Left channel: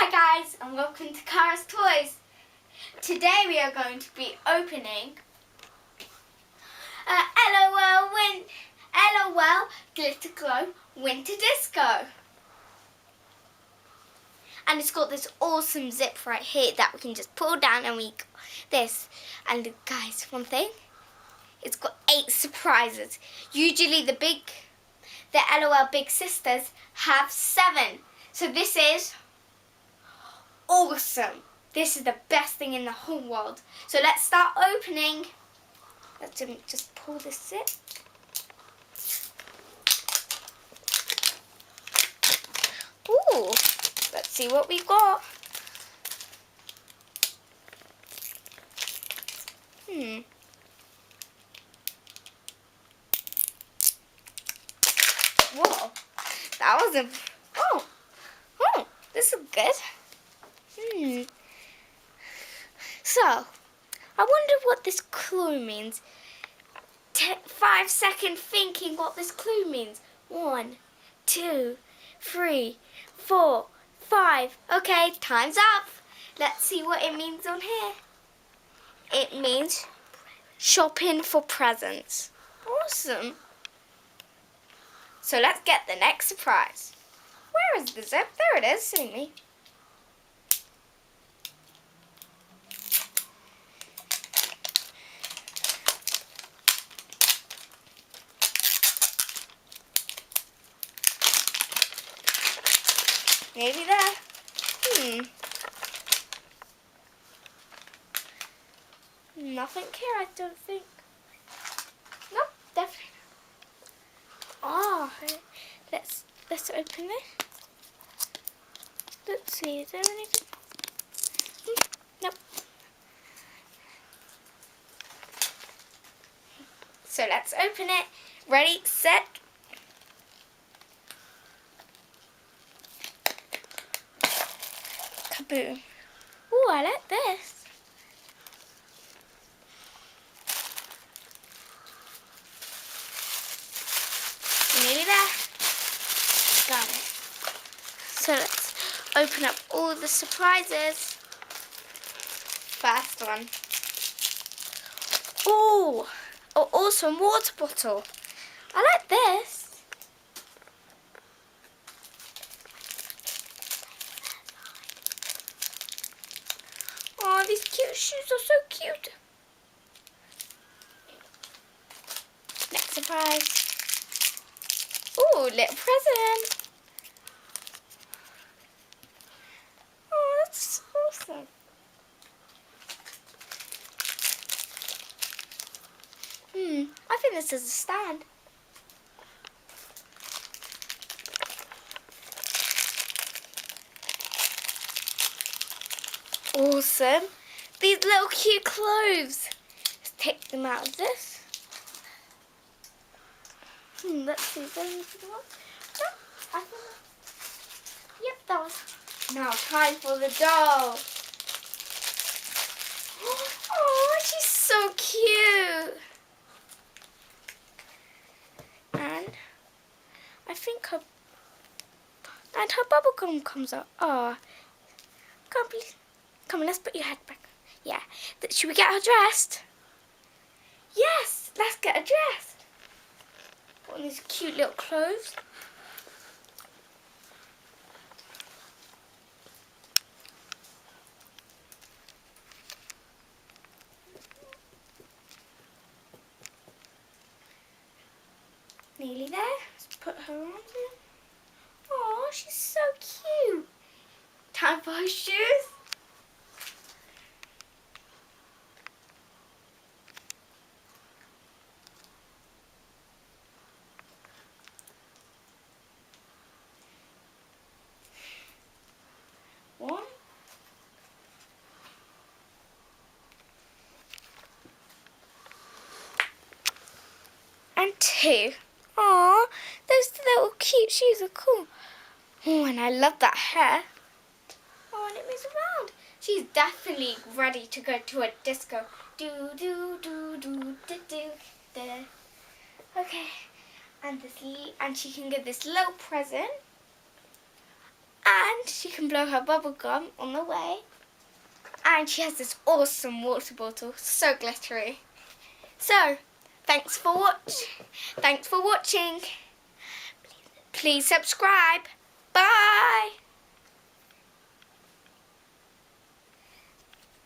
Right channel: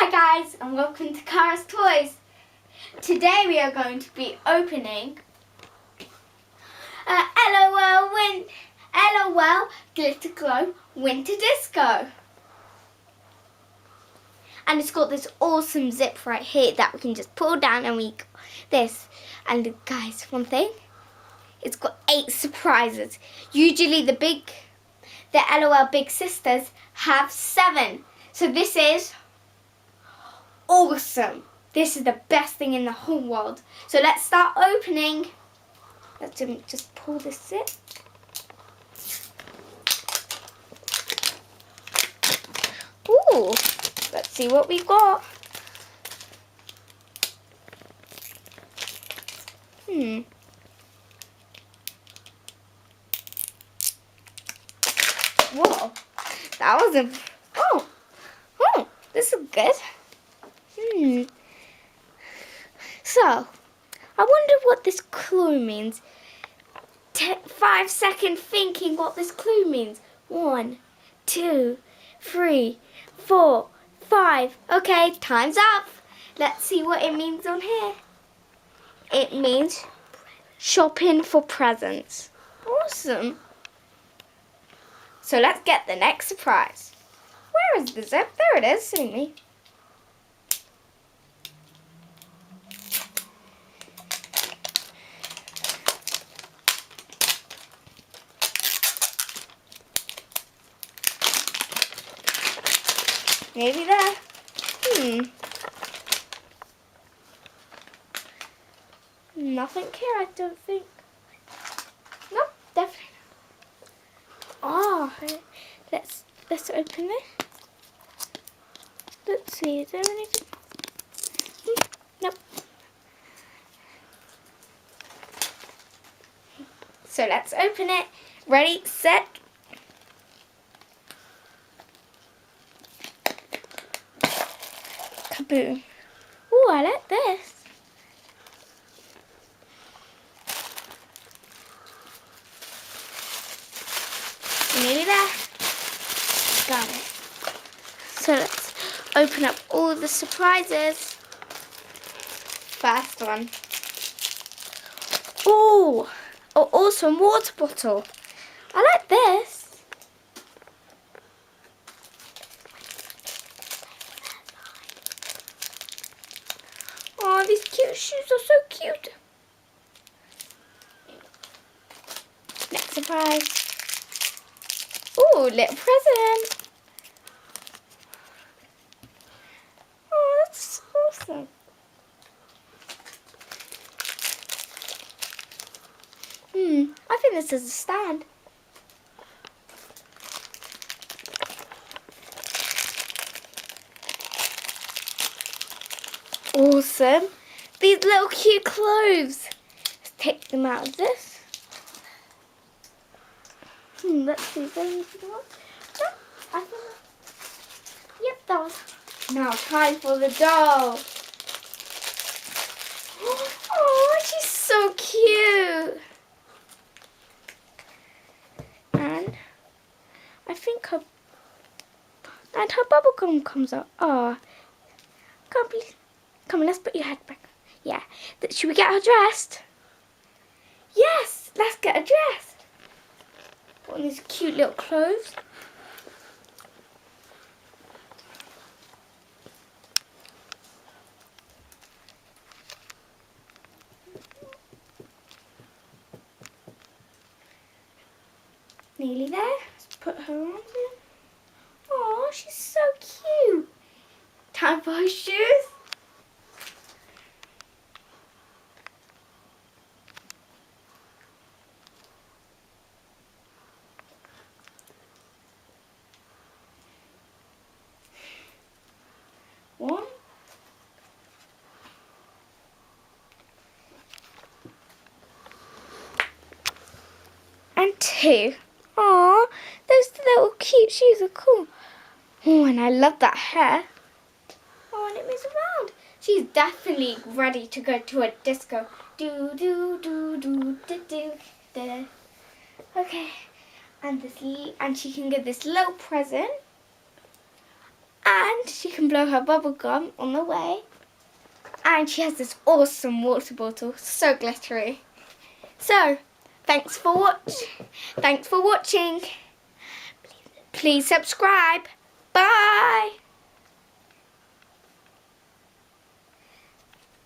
Hi guys, and welcome to Cara's Toys. Today we are going to be opening LOL Glitter Glow Winter Disco. And it's got this awesome zip right here that we can just pull down and we got this. And guys, one thing, it's got 8 surprises. Usually the LOL Big Sisters have 7. So this is awesome. This is the best thing in the whole world. So let's start opening. Let's just pull this zip. Ooh, let's see what we've got. Whoa, that was a. Oh, this is good. So, I wonder what this clue means. 5-second thinking what this clue means. 1, 2, 3, 4, 5. Okay, time's up. Let's see what it means on here. It means shopping for presents. Awesome. So let's get the next surprise. Where is the zip? There it is, see me. Maybe there. Nothing here, I don't think. Nope, definitely not. Oh, let's open it. Let's see, is there anything? Nope. So let's open it. Ready, set. Kaboom. Ooh, I like this. Nearly there. Got it. So let's open up all the surprises. First one. Ooh, oh, awesome water bottle. I like this. Oh, these cute shoes are so cute. Next surprise. Ooh, little present. Oh, that's awesome. I think this is a stand. Awesome. These little cute clothes. Let's take them out of this. Let's see. Is there anything else? No, I think. Yep, that was. Now time for the doll. Oh, she's so cute. And I think her bubble gum comes out. Oh, can't be. Come on, let's put your head back. Yeah. Should we get her dressed? Yes, let's get her dressed. Put on these cute little clothes. Nearly there. Let's put her on. Oh, she's so cute. Time for her shoes. One. And 2. Aww, those little cute shoes are cool. Oh, and I love that hair. Oh, and it moves around. She's definitely ready to go to a disco. Do, do, do, do, do, do, do. Okay, and she can get this little present. And And she can blow her bubble gum on the way. And she has this awesome water bottle, so glittery. So, thanks for watching. Please subscribe.